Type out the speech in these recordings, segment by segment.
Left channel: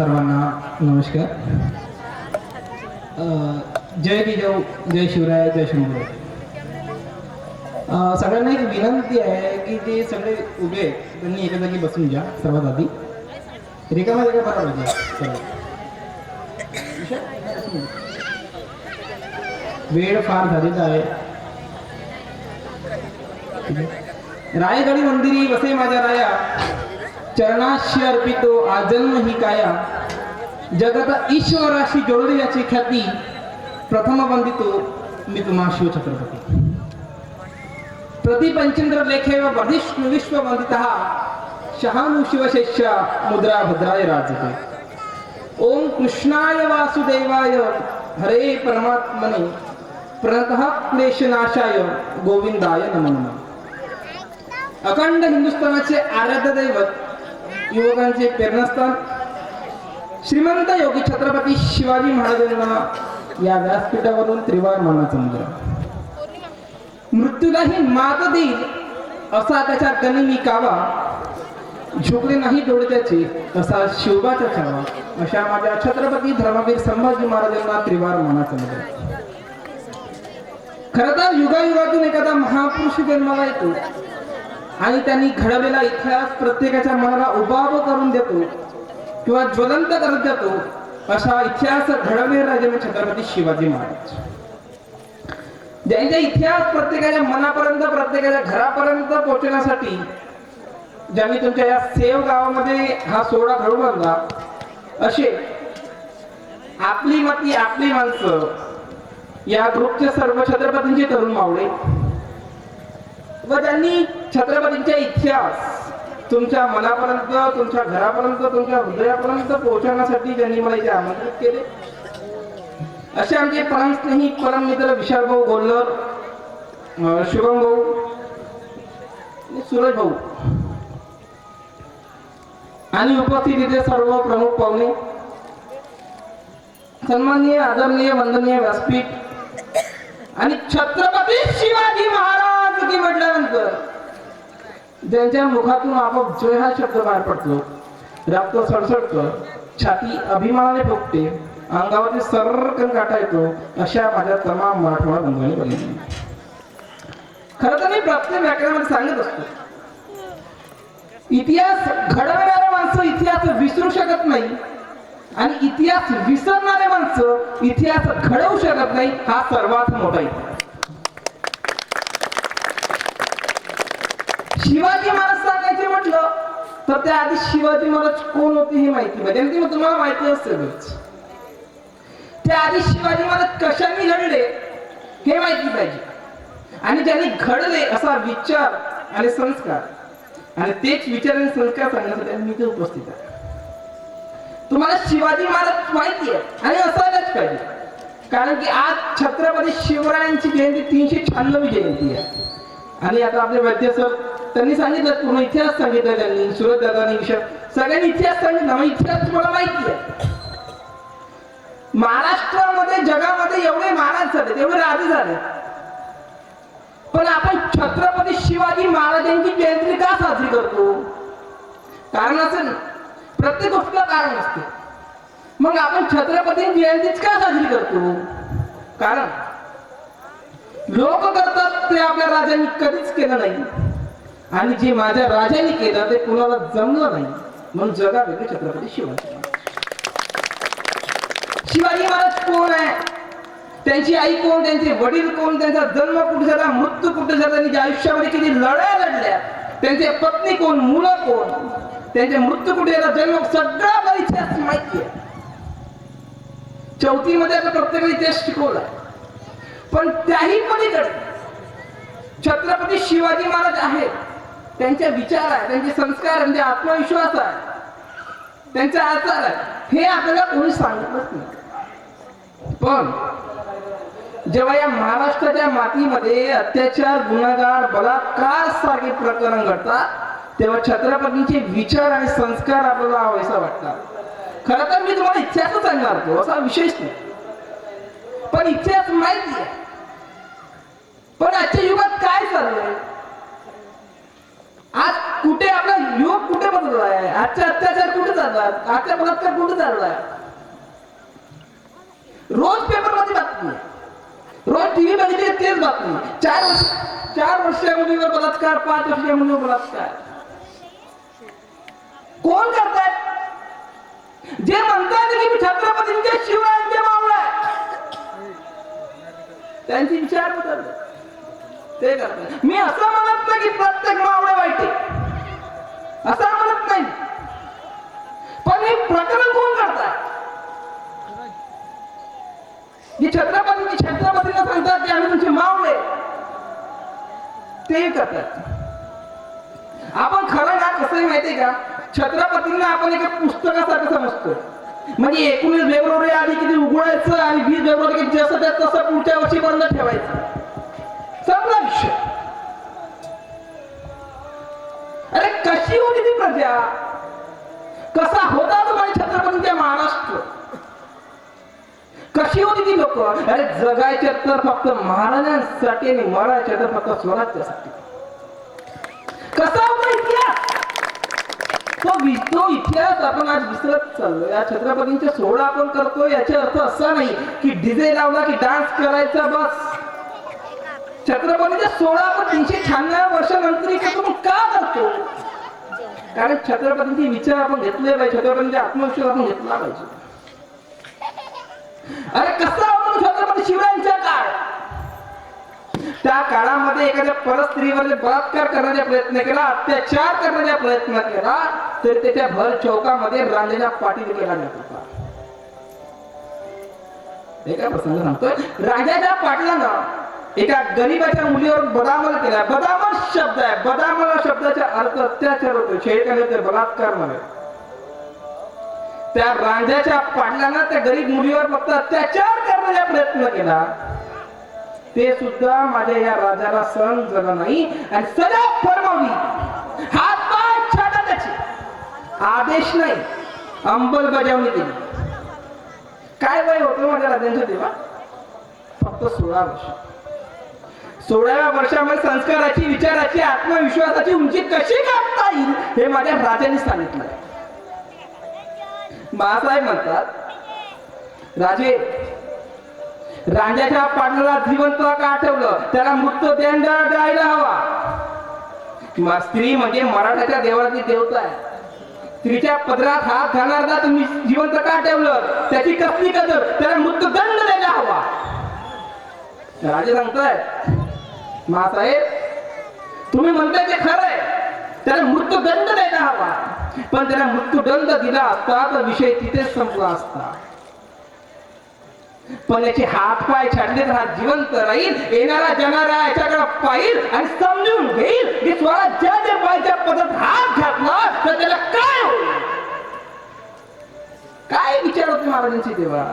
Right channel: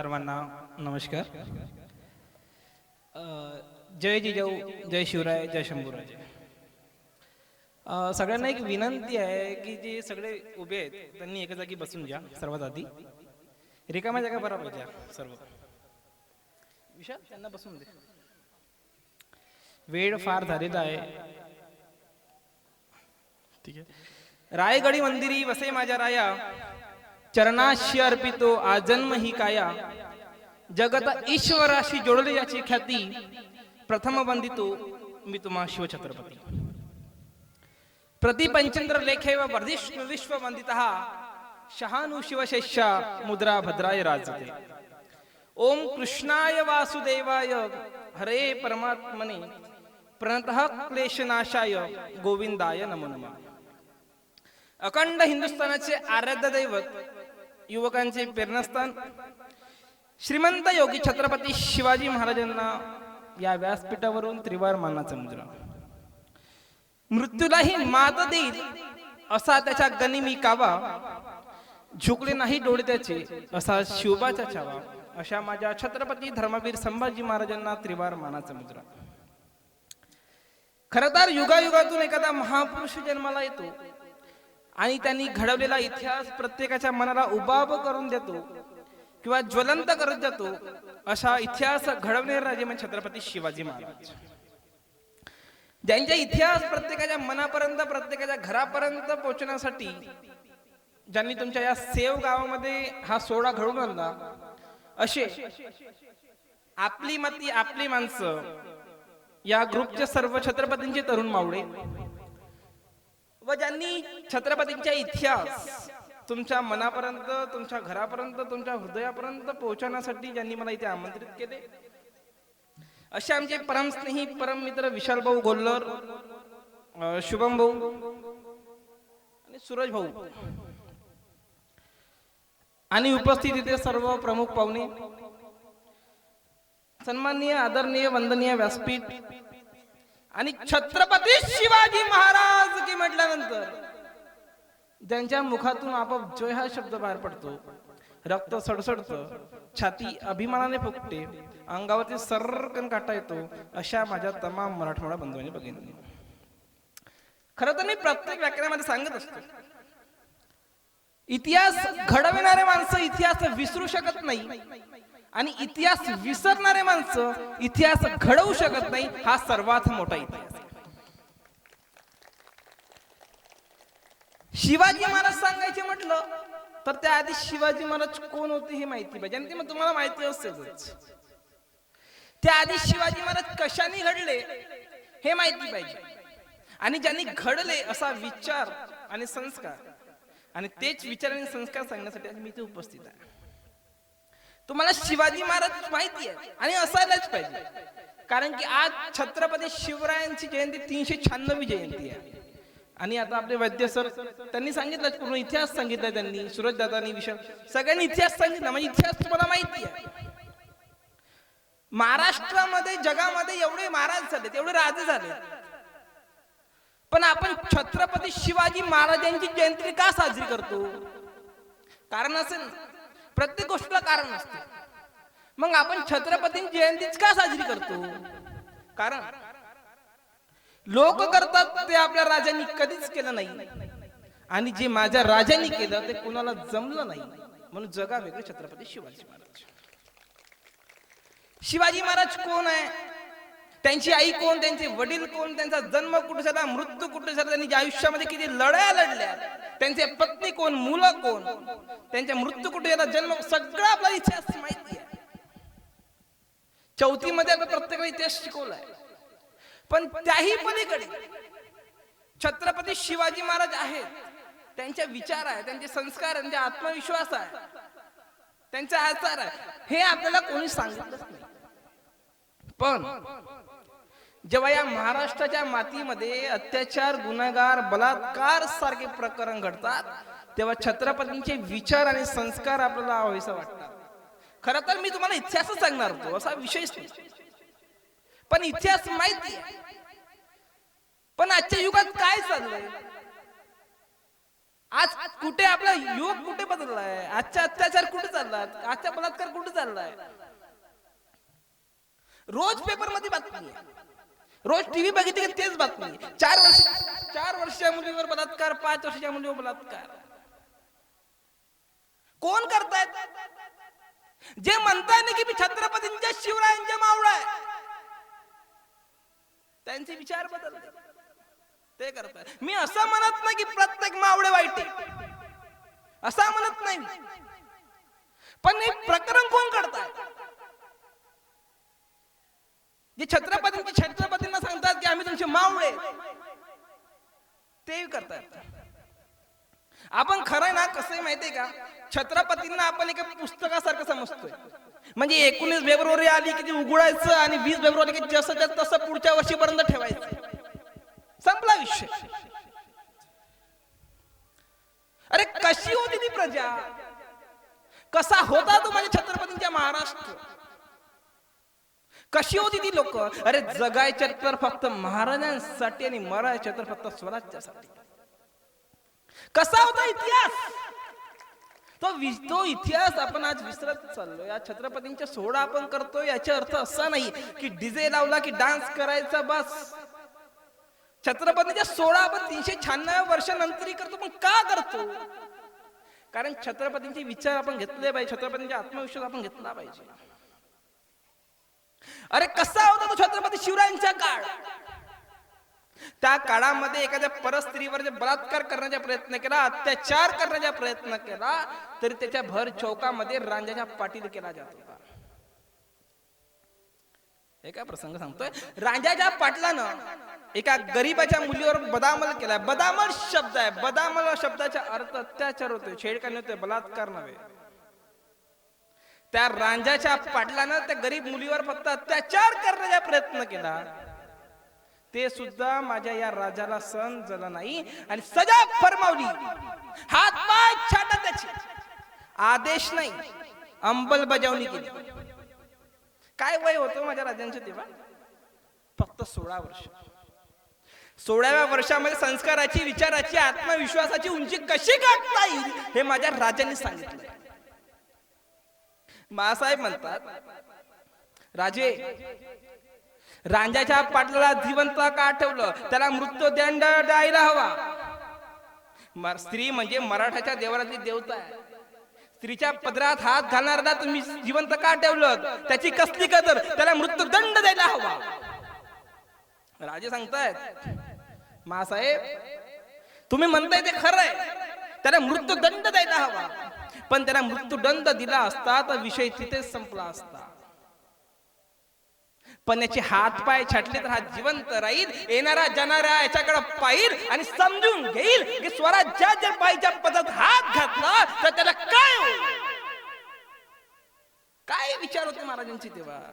सर्वांना नमस्कार. जय जिजाऊ, जय शिवराय, जय शंभू. सगळ्यांना एक विनंती आहे की जे सगळे उभे आहेत त्यांनी एका जागी बसून घ्या. सर्वात आधी रिकामा जागा बरोबर घ्या. सर्व वेळ फार झालेला आहे. रायगडी मंदिरी वसे माझ्या राया, चरणाशी अर्पितो आजन्म ही काया. जगत ईश्वराशी जोडली याची ख्याती, प्रथम वंदितो मी तुम्हा शिव छत्रपती. प्रतिपंचेंद्र लेखे व बधिष्णु विश्व वंदितः, शहानु शिवशिष्या मुद्रा भद्राय राजते. ओम कृष्णाय वासुदेवाय हरे परमात्मने प्रणतः क्लेशनाशाय गोविंदाय नमो नमः. अखंड हिंदुस्थानाचे आराध्य दैवत, युवकांचे प्रेरणास्थान, श्रीमंत योगी छत्रपती शिवाजी महाराजांना या व्यासपीठावरून त्रिवार मानाचा मुजरा. मृत्यूलाही मात देईल असा त्याच्या गनिमी कावा, झुकले नाही डोळे त्याचे असा शिवबाचा ठरावा. अशा माझ्या छत्रपती धर्मवीर संभाजी महाराजांना त्रिवार मानाचा मुजरा. खरं तर युगायुगातून एखादा महापुरुष जन्माला येतो आणि त्यांनी घडवलेला इतिहास प्रत्येकाच्या मनाला उबाब करून देतो किंवा ज्वलंत करत जातो. असा इतिहास घडवलेला राजे छत्रपती शिवाजी महाराज, ज्यांचा इतिहास प्रत्येकाच्या मनापर्यंत, प्रत्येकाच्या घरापर्यंत पोहोचण्यासाठी ज्यांनी तुमच्या या सेव गावामध्ये हा सोहळा घडवून आणला. असे आपली माती आपली माणसं या ग्रुपचे सर्व छत्रपतींचे तरुण मावळे व ज्यांनी छत्रपतींचा इतिहास तुमच्या मनापर्यंत, तुमच्या घरापर्यंत, तुमच्या हृदयापर्यंत पोहोचवण्यासाठी ज्यांनी मला आमंत्रित केले, असे आमचे प्राणस्नेही परम मित्र विशाल भाऊ गोल्लर, शुभम भाऊ, सूरज भाऊ आणि उपस्थित इथे सर्व प्रमुख पाहुणे, सन्माननीय, आदरणीय, वंदनीय व्यासपीठ आणि छत्रपती शिवाजी महाराज की म्हटल्यानंतर ज्यांच्या मुखातून आपोआप जय हा शब्द बाहेर पडतो, रक्त सळसळतं, छाती अभिमानाने फुगते, अंगावरती सर्रकन काटा येतो, अशा माझ्या तमाम मराठवाडा बंधूंनी बघितली. खरं तर मी प्रत्येक व्याख्यानात सांगत असतो, इतिहास घडवणारे माणसं इतिहास विसरू शकत नाही आणि इतिहास विसरणारे माणसं इतिहास घडवू शकत नाही. हा सर्वात मोठा इतिहास. शिवाजी महाराज सांगायचे म्हटलं तर त्या आधी शिवाजी महाराज कोण होते हे माहिती पाहिजे, आणि ते तुम्हाला माहिती असेलच. त्या आधी शिवाजी महाराज कशाने घडले हे माहिती पाहिजे, आणि ज्यांनी घडले असा विचार आणि संस्कार, आणि तेच विचार आणि संस्कार सांगण्यासाठी मी इथे उपस्थित आहे. तुम्हाला शिवाजी महाराज माहिती आहे आणि असायलाच पाहिजे, कारण की आज छत्रपती शिवरायांची जयंती 396वी जयंती आहे. आणि आता आपले वैद्य सर त्यांनी सांगितलं, पूर्ण इतिहास सांगितलं, त्यांनी सुरत दादांनी सगळ्यांनी इतिहास सांगितला. इतिहास तुम्हाला माहिती आहे. महाराष्ट्रामध्ये, जगामध्ये एवढे महाराज झाले, एवढे राजे झाले, पण आपण छत्रपती शिवाजी महाराजांची जयंती का साजरी करतो? कारण असेल ना, प्रत्येक गोष्टीला कारण असते. मग आपण छत्रपती जयंतीच का साजरी करतो? कारण लोक करतात ते आपल्या राजांनी कधीच केलं नाही, आणि जे माझ्या राजांनी केलं ते कुणाला जमलं नाही, म्हणून जगा वेगळे छत्रपती शिवाजी महाराज. शिवाजी महाराज कोण आहे, त्यांची आई कोण, त्यांचे वडील कोण, त्यांचा जन्म कुठे झाला, मृत्यू कुठे झाला, त्यांनी आयुष्यामध्ये किती लढाया लढल्या, त्यांचे पत्नी कोण, मुलं कोण, त्यांचे मृत्यू कुठे झाला, जन्म, सगळा आपला इतिहास माहिती आहे. चौथीमध्ये आपण प्रत्येक इतिहास शिकवला, पण त्याही पलीकडे छत्रपती शिवाजी महाराज आहेत, त्यांचे विचार आहे, त्यांचे संस्कार, त्यांचे आत्मविश्वास आहे, त्यांचा आचार आहे, हे आपल्याला कोणी सांगितलंच नाही. पण जेव्हा या महाराष्ट्राच्या मातीमध्ये अत्याचार, गुन्हेगार, बलात्कार सारखे प्रकरण घडतात, तेव्हा छत्रपतींचे विचार आणि संस्कार आपल्याला हवेसा वाटतात. खरं तर मी तुम्हाला इतिहास सांगणार होतो, असा विशेष नाही, पण इतिहास माहिती आहे. पण आजच्या युगात काय चाललंय? आज कुठे आपला युग कुठे बदललाय, आजचा अत्याचार कुठे चाललाय, आजचा बलात्कार कुठे चाललाय. रोज पेपर मध्ये बातमी, रोज टीव्ही बघितली तेच बातमी. 4 वर्षाच्या मुलीवर बलात्कार, 5 वर्षाच्या मुलीवर बलात्कार. कोण करताय? जे म्हणतात की मी छत्रपतींच्या शिवायांचे मावळे आहे, त्यांची विचार बदलले ते करतात. मी असं म्हणत नाही की प्रत्येक मावळे वाईट आहे, असं म्हणत नाही, पण हे प्रकरण कोण करतात? छत्रपतींना सांगतात की आम्ही तुमचे मावळे, ते करतात. आपण खरं ना कसं माहितीये का, छत्रपतींना आपण एका पुस्तकासारखं समजतो. म्हणजे 19 फेब्रुवारी आली की ते उघडायचं आणि 20 फेब्रुवारी की जसं तसं पुढच्या वर्षीपर्यंत ठेवायचं, संपला विषय. अरे कशी होती ती प्रजा, कसा होता तो माझ्या छत्रपतींचा महाराष्ट्र, कशी होती ती लोक. अरे जगायचे तर फक्त महाराजांसाठी आणि मरायचे तर फक्त स्वराज्यासाठी. कसा होता इतिहास, तो इतिहास आपण आज विसरत चाललो. या छत्रपतींचा सोहळा आपण करतोय याचा अर्थ असा नाही की डीजे लावला की डान्स करायचा बस. छत्रपतींचा सोहळा आपण 396 वर्षानंतर आपण का करतो? कारण छत्रपतींचे विचार आपण घेतले पाहिजे, छत्रपतींचे आत्मविश्वास आपण घेतला पाहिजे. अरे कसा होता तो छत्रपती शिवरायांचा काळ? त्या काळामध्ये एखाद्या परस्त्रीवर बलात्कार करण्याचा प्रयत्न केला, अत्याचार करण्याचा प्रयत्न केला, तर त्याच्या भर चौकामध्ये रांजेच्या पाटील केला जात होता. एका प्रसंग सांगतोय, रांजेच्या पाटलानं एका गरीबाच्या मुलीवर बदामल केला. बदामल शब्द आहे, बदामल शब्दाचा अर्थ अत्याचार होतो, शेळकाने ते बलात्कार म्हणे. त्या रांजाच्या पाटलानं त्या गरीब मुलीवर फक्त अत्याचार करण्याचा प्रयत्न केला, ते सुद्धा माझ्या या राजाला सहन झालं नाही आणि सजा फरमावली. हात पाय छाटा त्याची, आदेश नाही, अंमलबजावणी केली. काय वय होतं माझ्या राजांच्या तेव्हा? फक्त 16 वर्ष. 16व्या वर्षामध्ये संस्काराची, विचाराची, आत्मविश्वासाची उंची कशी गाठता येईल हे माझ्या राजांनी सांगितलं. बाळासाहेब म्हणतात, राजे रांजाच्या पाटलाला जिवंत का ठेवलं, त्याला मृत्यूदंड द्यायला हवा. स्त्री म्हणजे मराठाच्या देवाची देवता आहे, स्त्रीच्या पदरात हात घालणारा तुम्ही जिवंत का ठेवलं, त्याची कसली कदर, त्याला मृत्यूदंड द्यायला हवा. राजे सांगतायत, मासाहेब तुम्ही म्हणताय ते खरंय, त्याला मृत्यूदंड द्यायला हवा, पण त्याला मृत्यूदंड दिला असता तर विषय तिथेच संपला असता. पण याचे हात पाय छाटले तर हा जिवंत राहील, येणारा जाणारा याच्याकडे पाहिल आणि समजून घेईल की स्वराज्याच्या पायच्या पदात हात घातला तर त्याला काय होईल. काय विचार होते महाराजांची तेव्हा?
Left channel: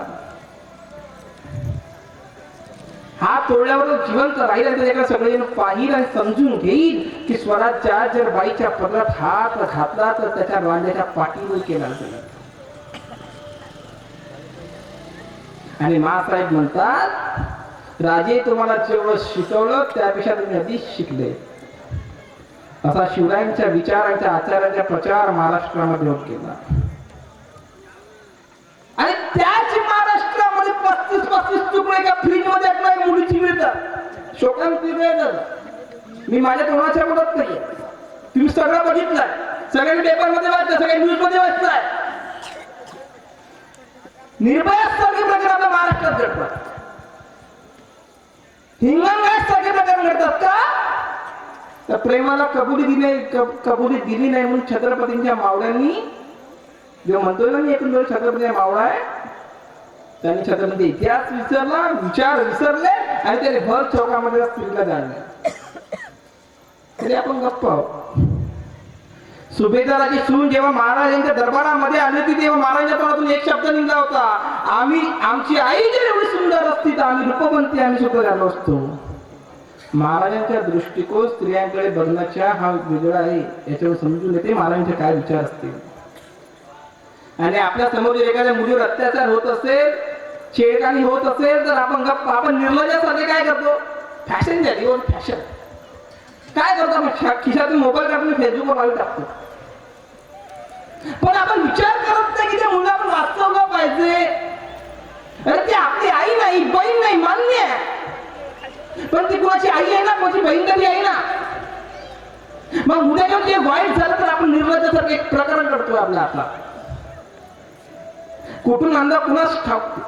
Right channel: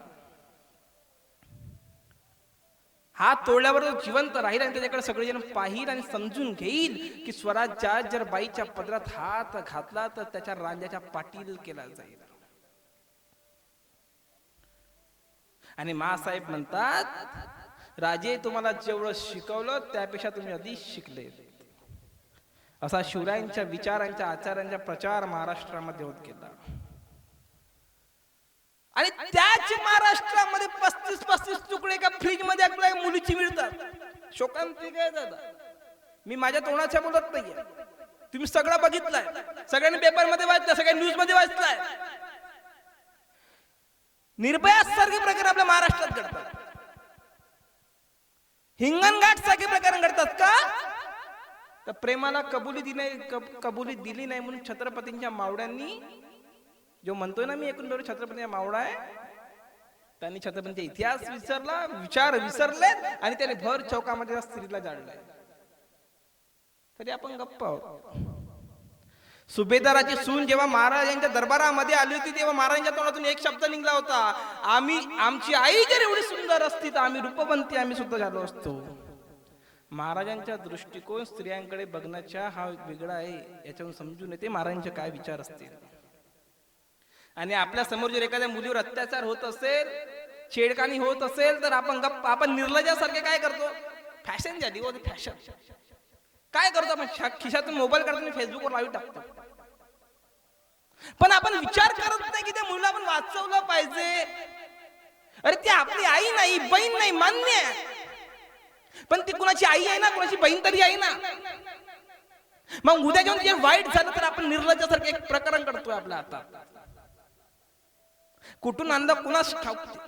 हात तोडल्यावर तो जिवंत राहील आणि त्याला सगळे पाहिल आणि समजून घेईल की स्वराज्या जर बाईच्या पदात हात घातला तर त्याच्या राजाच्या पाठीवर केला जाईल. आणि मासाहेब म्हणतात, राजे तुम्हाला जेवढं शिकवलं त्यापेक्षा तुम्ही आधीच शिकले. असा शिवरायांच्या विचारांच्या आचारांचा प्रचार महाराष्ट्रामध्ये होत गेला. आणि त्याच महाराष्ट्रामध्ये 35 तुकडे एका फ्रीज मध्ये आपल्या मुलीची मिळतात. शोकांती वेळ झाला, मी माझ्या तोंडाच्या बोलत नाही, तुम्ही सगळं बघितलंय, सगळ्यांनी पेपर मध्ये वाचलं, सगळ्यांनी न्यूज मध्ये वाचलंय. निर्भया सारखे प्रकार आपल्या महाराष्ट्रात घडतात, हिंगणघाट सारखे प्रकार घडतात का? तर प्रेमाला कबुली दिली नाही म्हणून छत्रपतींच्या मावळ्यांनी, जो म्हणतो ना मी एकूण छत्रपतींचा मावळा आहे, त्यांनी छत्रपती इतिहास विसरला, विचार विसरले आणि त्याने भर चौकामध्ये स्त्रीला जाणले. तरी आपण गप्प आहोत. सुभेदाराची सून जेव्हा महाराजांच्या दरबारामध्ये आली होती तेव्हा महाराजांच्या तोंडातून एक शब्द निघाला होता, आमची आई जर एवढी सुंदर असती तर आम्ही रूपवंती आम्ही सुद्धा झालो असतो. महाराजांच्या दृष्टिकोन स्त्रियांकडे बघण्याचा हा वेगळा आहे, याच्यावर समजून येते महाराजांचे काय विचार असतील. आणि आपल्या समोर एखाद्या मुलीवर अत्याचार होत असेल, छेडखानी होत असेल तर आपण निर्लज्जासारखे काय करतो? फॅशन झाली, फॅशन काय करतो आपण? खिशातून मोबाईल काढून फेसबुकवर लावून टाकतो. पण आपण विचार करत नाही की त्या मुलं आपण वाचवलं पाहिजे. अरे ती आपली आई नाही, बहीण नाही, मान्य आहे, पण ती कुणाची आई आहे ना, कुणाची बहीण तरी आहे ना. मग उद्या जेव्हा जे वाईट झालं तर आपण निर्लज्जासारखं एक प्रकरण करतो आपला आपला. कुठून आणला कुणास ठाऊक.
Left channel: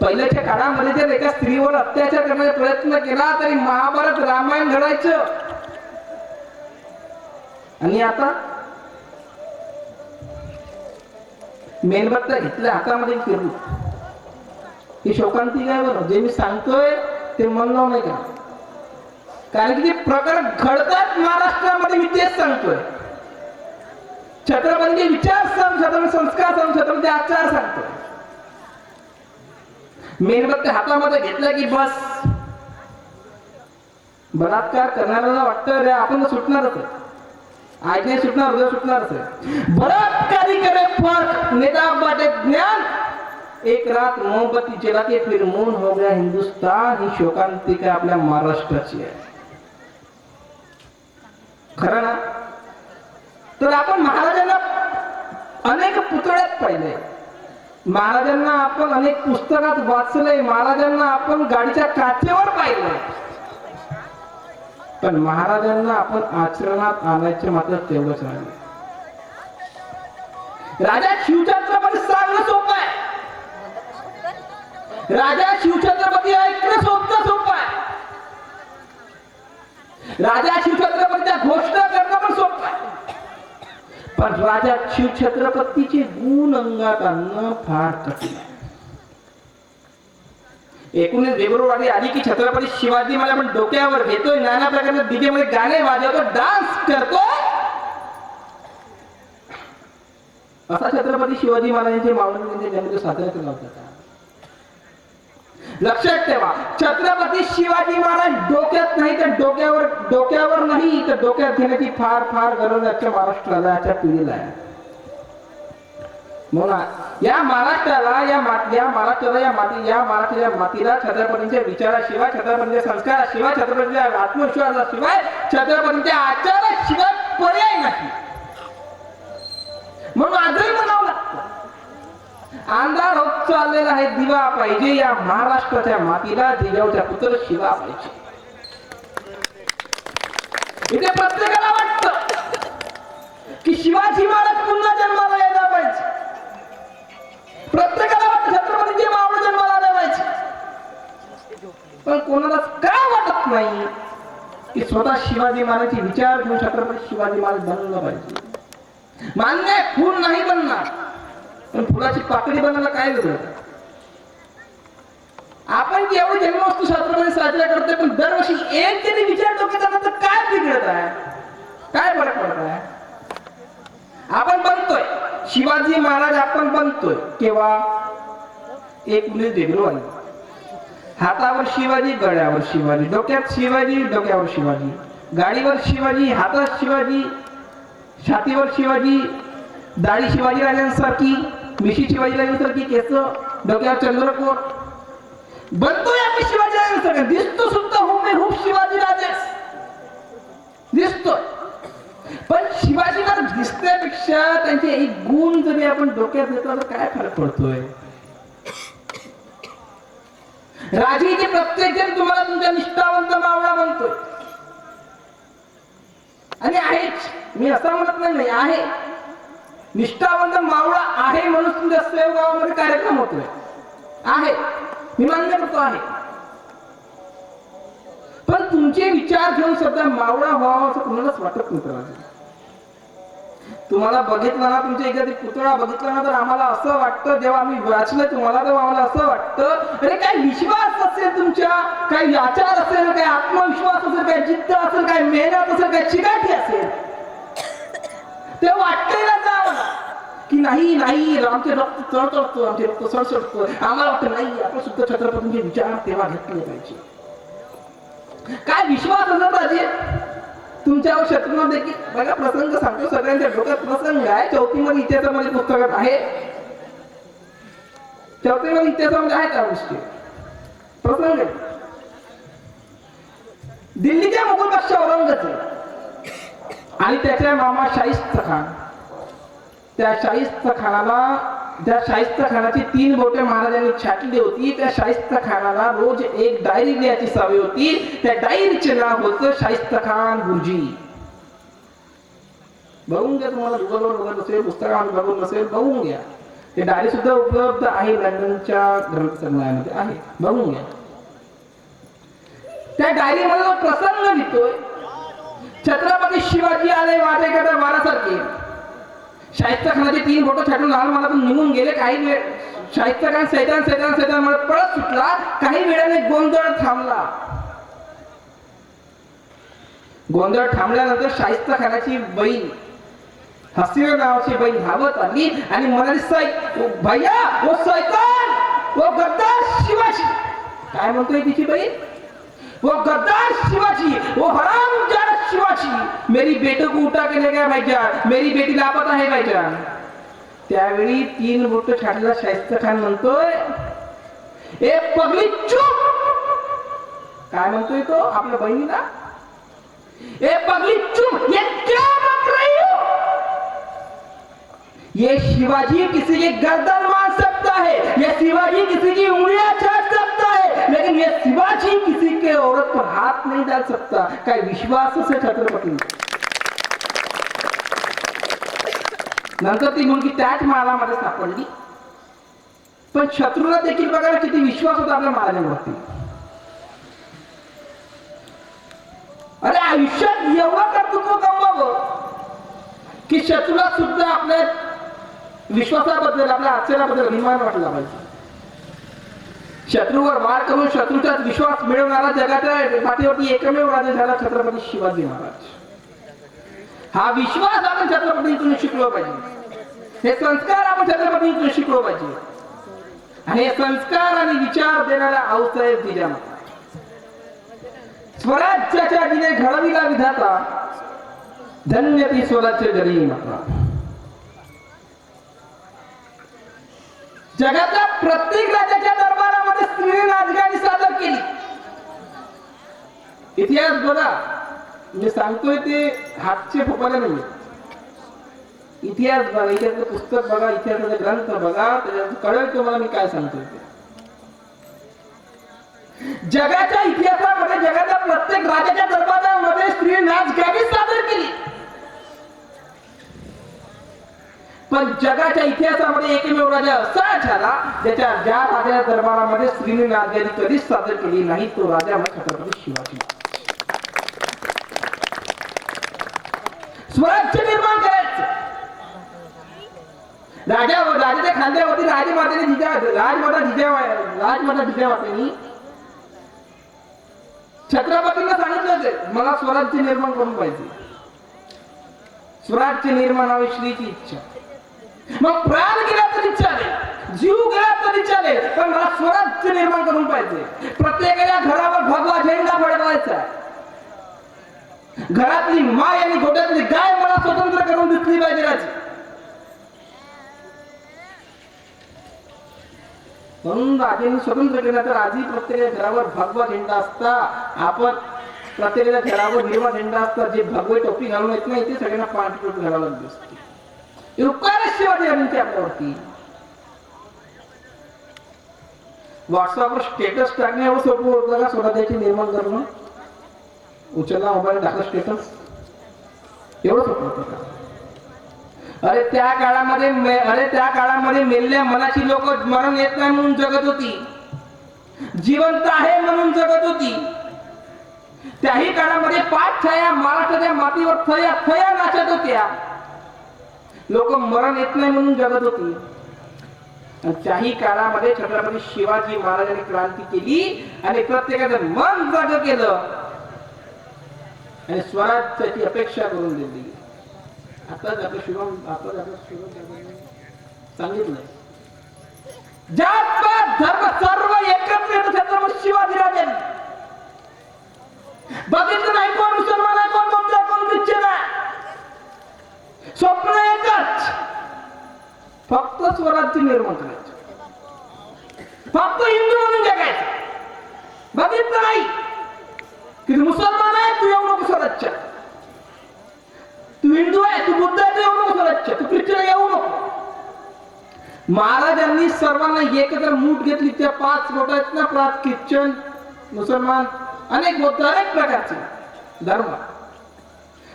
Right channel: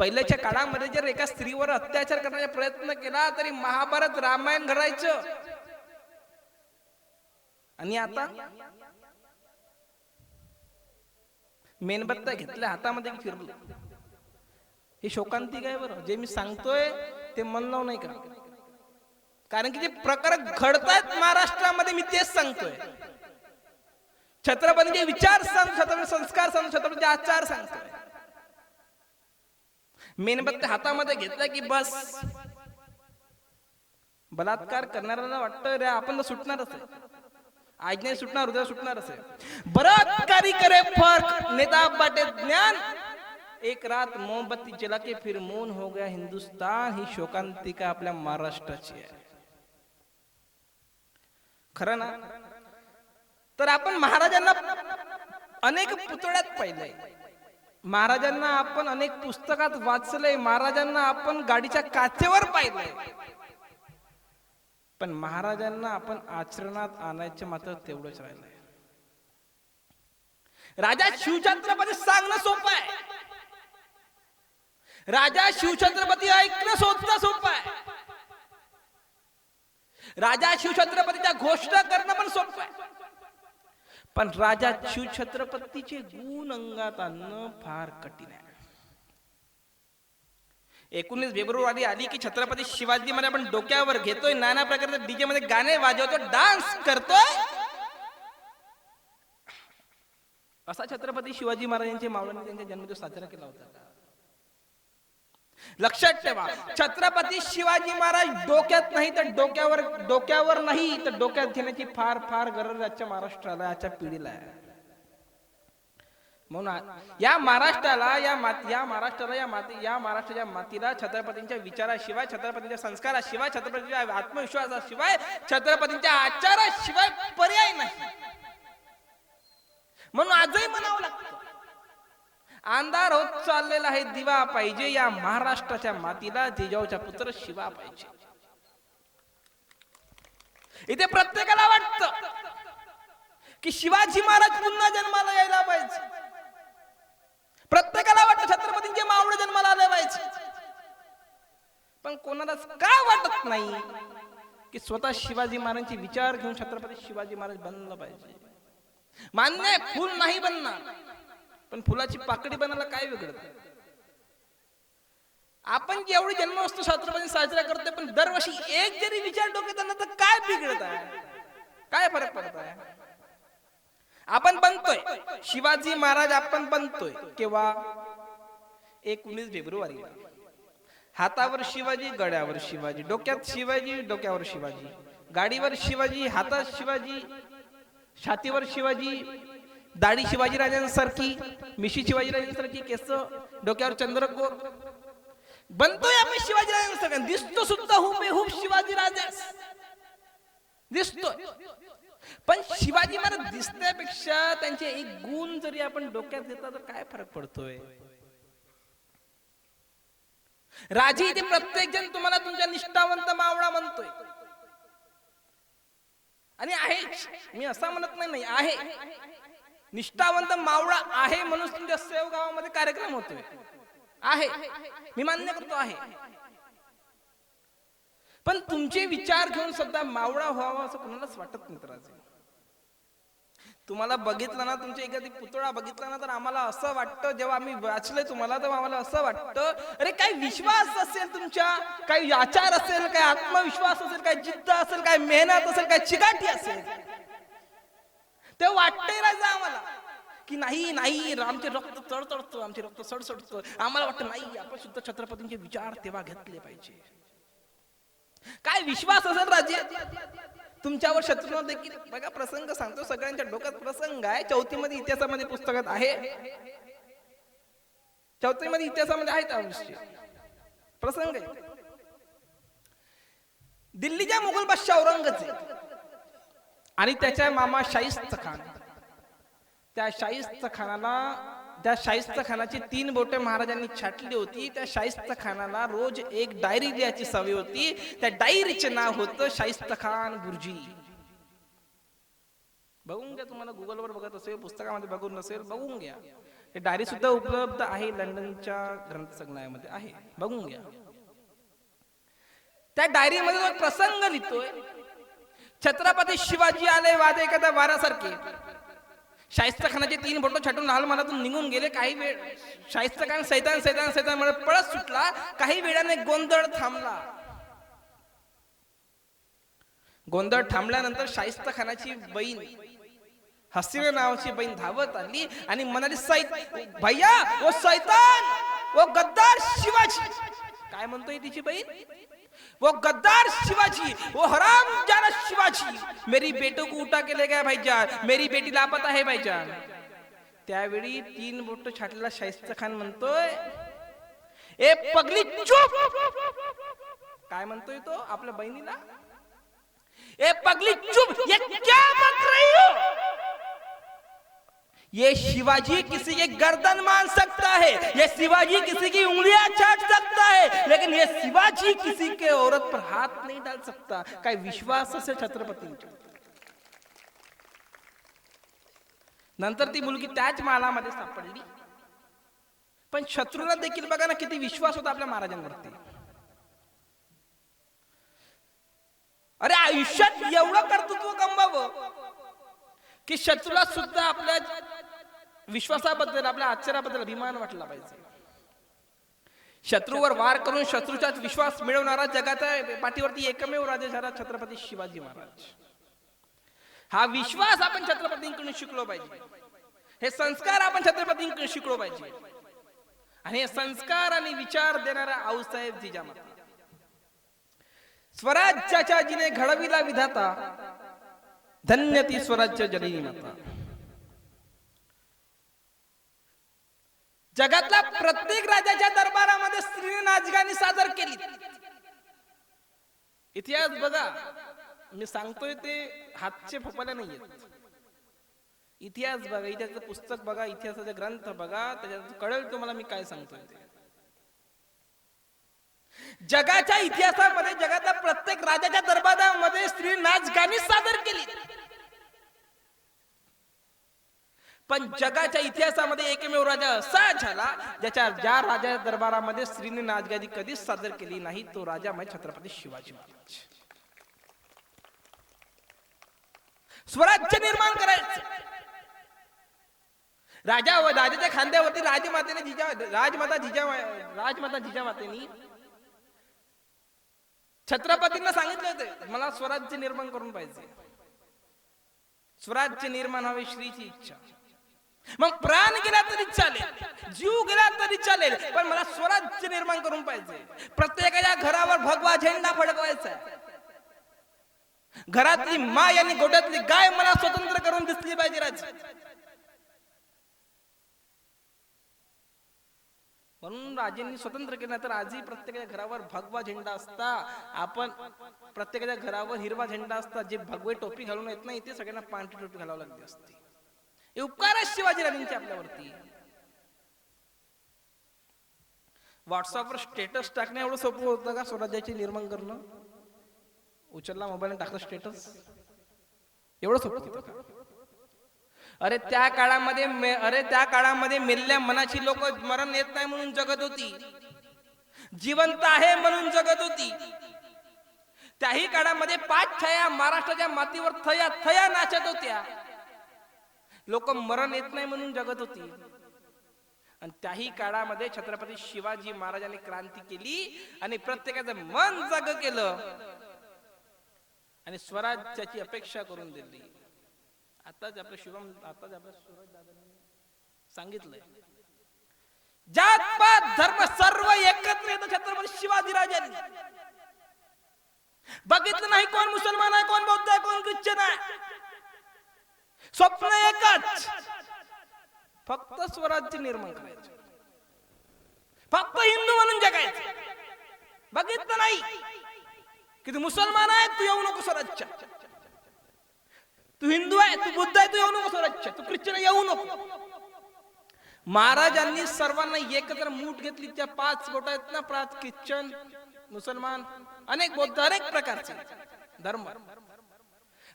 पहिल्याच्या काळामध्ये जर एका स्त्रीवर अत्याचार करण्याचा प्रयत्न केला तरी महाभारत रामायण घडायचं. आणि आता मेणबत्त्या घेतल्या हातामध्ये फिरली. ही शोकांती काय बरं? जे मी सांगतोय ते मन लावून नाही का? कारण की ते प्रकार घडतात महाराष्ट्रामध्ये. मी तेच सांगतोय. छत्रपती विचार सण, छत्रपती संस्कार सण, छत्रपती आचार सांगतोय. मेणबत्त्या हातामध्ये घेतल्या की बस बलात्कार करणाऱ्याला वाटतं रे आपण सुटणारच आहे. आज्ञा सुटणार, उद्या सुटणारच आहे. बलात्कारी करे फर्क, नेता बाटे ज्ञान, एक रात मोमबत्ती जला के फिर मौन हो गया हिंदुस्तान. ही शोकांतिका आपल्या महाराष्ट्राची आहे. खरं ना? तर आपण महाराजांना अनेक पुतळ्यात पाहिले, महाराजांना आपण अनेक पुस्तकात वाचले, महाराजांना आपण गाडीच्या काचेवर पाहिले, पण महाराजांना आपण आचरणात आणायचे मात्र तेवढंच राहिले. राजा शिवछत्रपती सांगणं सोपं आहे. राजा शिवछत्रपती ऐकणं सोपं आहे. राजा शिवछत्रपतीच्या घोषणा करणं पण सोपं आहे. पण राजा शिवछत्रपतीचे गुण अंगात आणणं फार कठीण आहे. 19 फेब्रुवारी आली की छत्रपती शिवाजी महाराज आपण डोक्यावर घेतोय, नाना प्रकारचे डीजे मध्ये गाणे वाजवतो, डान्स करतो. असा छत्रपती शिवाजी महाराजांचे मावळ्यांचे जन्म साजरा केला होता. लक्षात ठेवा, छत्रपती शिवाजी महाराज डोक्यात नाही तर डोक्यावर नाही तर डोक्यात घेण्याची फार फार गरज आजच्या महाराष्ट्राला, आजच्या पिढीला आहे. म्हणून या महाराष्ट्राला, या मातीला छत्रपतींच्या विचाराशिवाय, छत्रपतींच्या संस्काराशिवाय, छत्रपतींच्या आत्मविश्वासाशिवाय, छत्रपतींच्या आचाराशिवाय पर्याय नाही. म्हणून आजही म्हणावं लागतं, अंधार होत चाललेला आहे, दिवा पाहिजे या महाराष्ट्राच्या मातीला, जिजाऊच्या पुत्र शिवा पाहिजे. इथे प्रत्येकाला वाटतं की शिवाजी महाराज पुन्हा जन्माला यायला पाहिजे. प्रत्येकाला वाटतं छत्रपतींचे मावळे जन्माला आले पाहिजे. पण कोणाला का वाटत नाही की स्वतः शिवाजी महाराजांचे विचार घेऊन छत्रपती शिवाजी महाराज बनवलं पाहिजे. मान्य फुल नाही बनणार, पण फुलाची पाकळी बनायला काय गरज? आपण जेवढे जन्मोत्सव छत्रपती साजरा करतोय, पण दरवर्षी एक जरी विचार डोक्यात आला तर काय बिघडत आहे? काय फरक पडत आहे? आपण बनतोय शिवाजी महाराज, आपण बनतोय केव्हा? 19 फेब्रुवारी. हातावर शिवाजी, गळ्यावर शिवाजी, डोक्यात शिवाजी, डोक्यावर शिवाजी, गाडीवर शिवाजी, हातात शिवाजी, छातीवर शिवाजी, दाढी शिवाजी राजांसारखी, मिशी शिवाजी राजांसारखी, केस, डोक्यावर चंद्रकोर. बनतोय आपण शिवाजी राजांसारखं, दिसतो सुद्धा हुबेहूब शिवाजी राजाच दिसतो. पण शिवाजी महाराज दिसण्यापेक्षा त्यांचे एक गुण जरी आपण डोक्यात घेतला तर काय फरक पडतोय? राजी ते प्रत्येक जण तुम्हाला तुमच्या निष्ठावंत मावळा बनतोय. आणि आहेच, मी असं म्हणत नाही, आहे निष्ठावंत मावळा आहे म्हणून तुमच्या सेवामध्ये कार्यक्रम होतोय, आहे, मी मान्य करतो आहे. पण तुमचे विचार घेऊन सध्या मावळा व्हावा असं कुणालाच वाटत नव्हतं. तुम्हाला बघितलं ना, तुमच्या एखादी पुतळा बघितला ना, तर आम्हाला असं वाटतं, जेव्हा आम्ही वाचलं तुम्हाला तेव्हा आम्हाला असं वाटतं, अरे काय विश्वास असेल तुमच्या, काही आचार असेल, काही आत्मविश्वास असेल, काही जिद्द असेल, काही मेहनत असेल, काही चिकाटी असेल, ते वाटतंय ना की नाही नाही आमचे रक्त चढतो, आमचे रक्त सळसळतो. आम्हाला वाटतं नाही, आपण सुद्धा छत्रपतींचे विचार तेव्हा घेतले पाहिजे. काय विश्वास असेल पाहिजे तुमच्यावर शत्रू देखील. बघा प्रसंग सांगतो, सगळ्यांच्या डोक्यात प्रसंग आहे. चौथीमध्ये इतिहासामध्ये पुस्तकात आहे, चौथीमध्ये इतिहासामध्ये आहे त्या गोष्टी प्रसंग. दिल्लीच्या मुघल बादशाह औरंगजेब आणि त्याच्या मामा शाहिस्ता खान, त्या शाहिस्ता खानाची 3 बोटे महाराजांनी छाटली होती. त्या शाहिस्ता खानाला रोज एक डायरी लिहायची सवय होती. त्या डायरीचे नाव होतं शाहिस्ता खान गुरुजी. बघून घ्या, तुम्हाला गुगलवर बघत असेल, पुस्तकात बघून नसेल, बघून घ्या. ते डायरी सुद्धा उपलब्ध आहे लंडनच्या ग्रंथसंग्रहामध्ये आहे, बघून घ्या. त्या डायरी मध्ये प्रसंग लिहितोय, छत्रपती शिवाजी आले वाजे कथा वारासारखे. शाहिस्ता खानाचे 3 बोटं छाटून आलमारातून निघून गेले. काही वेळ शाहिस्ता खान सैतान मध्ये पळत सुटला. काही वेळाने गोंधळ थांबला. गोंधळ थांबल्यानंतर शाहिस्ता खानाची बहीण हसीना नावाची बहीण धावत आली आणि म्हणाली, साहेब भैया वो शैतान, वो गद्दार शिवाजी. काय म्हणतोय तिची बहीण? वो गद्दार शिवाजी, वो हरामजादा शिवाजी मेरी बेटे को उठा के ले गया भाईजान, मेरी बेटी लापता है भाईजान. त्यावेळी 3 बोट छाटला शाहिस्ता खान म्हणतोय, ए पगली चुप. काय म्हणतोय तो आपल्या बहिणीला? ए पगली चुप, ये क्या बक रही हो? ये शिवाजी किसी की गर्दन मार सकता है, ये शिवाजी किसी की उंगलियां छाट सकता है, लेकिन ये शिवाजी किसी के औरत पर हाथ नहीं डाल सकता. काय विश्वास से छत्रपती. नंतर ती मुलगी त्याच माळामध्ये सापडली. पण शत्रूला देखील बघा किती विश्वास होता आपल्या महाराजांवरती. अरे आयुष्यात एवढा कर्तृत्व गमवावं की शत्रूला सुद्धा आपल्या विश्वासाबद्दल, आपल्या अक्षराबद्दल अभिमान वाटला पाहिजे. शत्रूवर वार करून शत्रूचा विश्वास मिळवणारा जगाच्या पाठीवरती एकमेव राजा झाला छत्रपती शिवाजी महाराज. हा विश्वास आपण छत्रपतींकडून शिकलो पाहिजे. हे संस्कार आपण छत्रपतींकडून शिकलो पाहिजे. आणि हे संस्कार आणि विचार देणाऱ्या आऊसाहेब जिजामाता, स्वराज्याच्या जिने घडविला विधाता, धन्य ती स्वराज्य गरी माता. जगातल्या प्रत्येक राजाच्या दरबारामध्ये स्त्रीने राजगादी सादर केली. इतिहास बघा, मी सांगतोय ते हातचे फुपाले नाही. इतिहास बघा, इतिहासाचं पुस्तक बघा, इतिहासाचे ग्रंथ बघा, कळेल तुम्हाला मी काय सांगतोय ते. जगाच्या इतिहासामध्ये जगाच्या प्रत्येक राजाच्या दरबारामध्ये स्त्रीने राजगादी सादर केली. पण जगाच्या इतिहासामध्ये एकमेव राजा असा झाला ज्या राजाच्या दरबारामध्ये स्त्रीने राजगादी कधीच सादर केली नाही, तो राजा छत्रपती शिवाजी. स्वराज्य निर्माण करायचं. राजाच्या खांद्यावरती राजमाता जिजामातेनी छत्रपतींना सांगितलं होते, मला स्वराज्य निर्माण करून पाहिजे. स्वराज्य निर्माण व्हावी श्रीची इच्छा. मग प्राण गेला तरी चालेल, जीव गेला तरी चालेल, पण मला स्वराज्य निर्माण करून पाहिजे. प्रत्येकाच्या घरावर भगवा झेंडा फडकवायचा. घरातली माय आणि गोठ्यातली गाय मला स्वतंत्र करून दिसली पाहिजे. म्हणून राजांनी स्वतंत्र केलं तर आजही प्रत्येक घरावर भगवा झेंडा असता. आपण प्रत्येकाच्या घरावर हिरवा झेंडा असता. जे भगवे टोपी घालून येत नाही ते सगळ्यांना पांढरी टोपी घालायला दिसते. शिवाजी राजांची आपल्यावरती व्हॉट्सअपवर स्टेटस टाकण्यावर सोपं होतं का स्वराज्याचे निर्माण करणं? उचलला मोबाईल टाकला स्टेटस, एवढं सोपं होतं का? अरे त्या काळामध्ये मेलेल्या मनाची लोक मरण येत नाही म्हणून जगत होती, जिवंत आहे म्हणून जगत होती. त्याही काळामध्ये 5 थया महाराष्ट्राच्या मातीवर थया थया नाचत होत्या. लोक मरण येत नाही म्हणून जगत होती. त्याही काळामध्ये छत्रपती शिवाजी महाराजांनी क्रांती केली आणि प्रत्येकाचं मन जाग केलं आणि स्वराज्याची अपेक्षा करून दिली. आता सांगितलं जात धर्म सर्व एकत्र छत्रपती शिवाजी राजांनी. बघितलं नाही कोण मुसलमान आहे, कोण बौद्ध आहे, कोण ख्रिश्चन आहे. स्वप्न एकच, फक्त स्वराज्य निर्माण करायचं, फक्त हिंदू म्हणून जगायचं. बघितलं नाही की मुसलमान स्वराज्य. तू हिंदू आहे, तू बुद्ध आहे, तू येऊ नको स्वराज्य, तू ख्रिश्चन येऊ नको. महाराजांनी सर्वांना एकत्र मूठ घेतली. त्या 5 गोट आहेत ना, 5 ख्रिश्चन, मुसलमान, अनेक बौद्ध, अनेक प्रकारचे धर्म.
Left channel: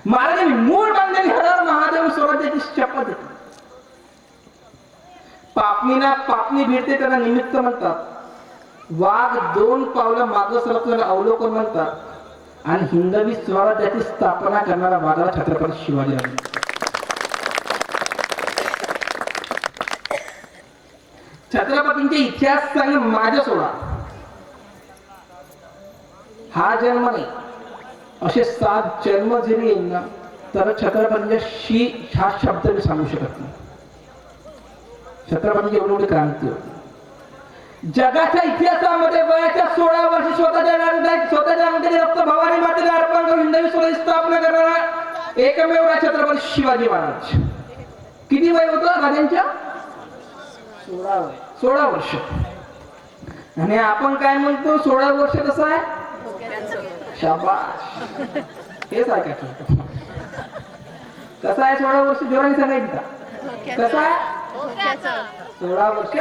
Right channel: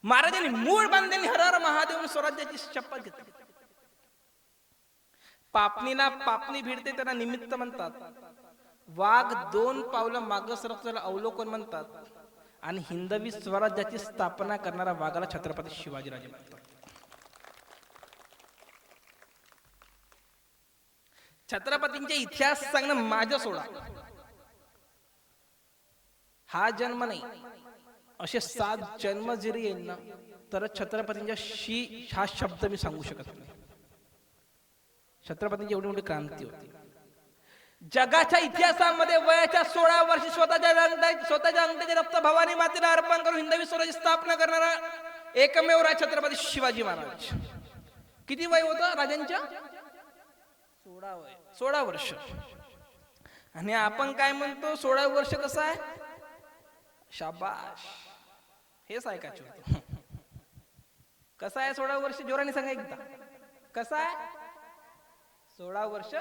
महाराजांनी मूळ बांधलेली हजारो महादेव स्वराज्याची शपथ घेतली. पापणीला पापणी भेटते त्याला निमित्त म्हणतात. वाघ 2 पावलं मागे सरकल्याला अवलोकन म्हणतात. आणि हिंदवी स्वराज्याची स्थापना करणारा वाघाला छत्रपती शिवाजी राहिले. छत्रपतींचे इतिहास सांग माझ्या सोडा. हा जन्म नाही, असे 7 जन्म जरी येईल ना, तर छत्रपतींच्या शी हा शब्द मी सांगू शकत नाही. छत्रपतींची एवढी क्रांती होती. जगाच्या इतिहासामध्ये वयाच्या 16 वर्षी स्वतःच्या अंगाची रक्त भवानी मातेला अर्पण करून हिंदवी स्वराज्याची स्थापना करणारा एकमेव राजा छत्रपती शिवाजी महाराज. किती वय होतं राजांच्या? 16 वर्ष. आणि आपण काय म्हणतो 16 वर्ष कसं आहे? शाबाश, हेच ऐकायचं. कसं आहे 16 वर्ष? जोराने सांगायचं. कसं आहे 16 वर्ष?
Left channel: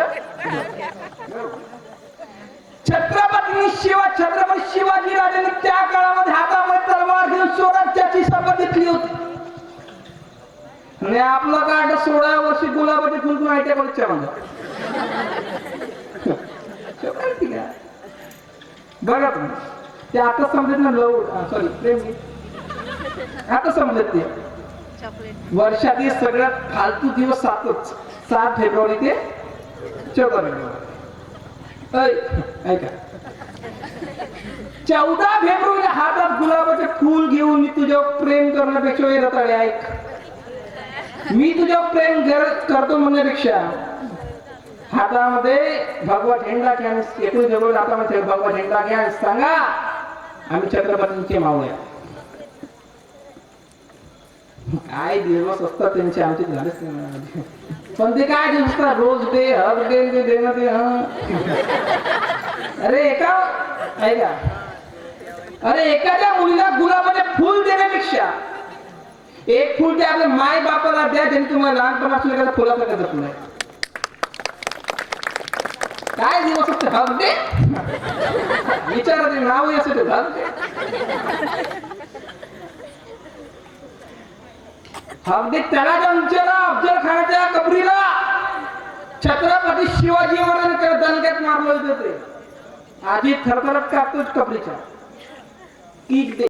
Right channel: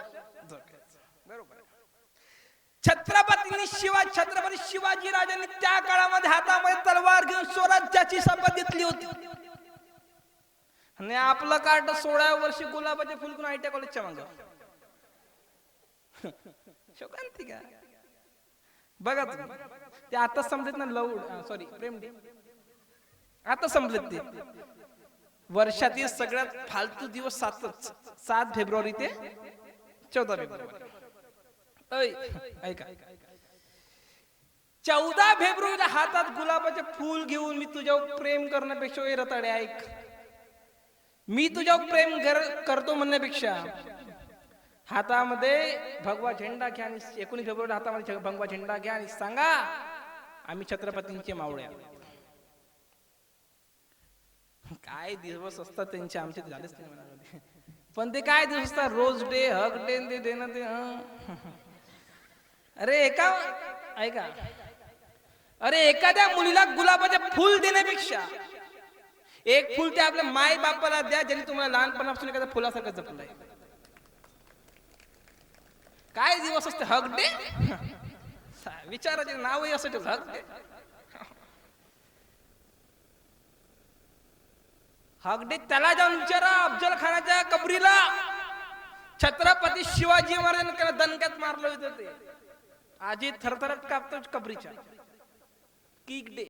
छत्रपती शिवाजी राजांनी त्या काळामध्ये हातामध्ये तलवार घेऊन स्वराज्याची शपथ घेतली होती. आणि आपलं काढ 16 वर्षी गुलाबाचे फुल माहिती आहे मला. बघा ते आता समजत ना, सॉरी प्रेम, आता समजत ते. वर्षातील सगळ्यात फालतू दिवस 7 फेब्रुवारी ते 14 फेब्रुवारी. ऐका, 14 फेब्रुवारी हातात गुलाबाचे फूल घेऊन मी तुझ्यावर प्रेम करण्यापेक्षा येत आहे. ऐक, मी तुझ्यावर प्रेम करतो म्हणण्यापेक्षा हातामध्ये भगवा झेंडा घ्या. 21 फेब्रुवारी हातामध्ये भगवा झेंडा घ्या. सांगा आम्ही छत्रपतींचे मावळे. काय दिवस असतात त्यांचे, आमचे झालेच नाही. पण ते काय दिवस असतात, रोज डे, हर डे देणं ते. अरे एखाद्या मुलीला गुलाबाचे फुल देण्यापेक्षा एक फुल ते आपल्या माय बापाला द्या, ज्यांनी तुम्हाला लहानपणापासून एखाद्या फुलासारखं जपलंय. काय दिवस असते, हर डे विचारा, ते नावही असते हर डे. अगदी त्याला जाऊन विचारा अफजल खानाच्या कबरीला छत्रपती शिवाजी महाराजांकडे दणक्यात मारलं होते. आधी थरथरत कापतोच कबरीच्या की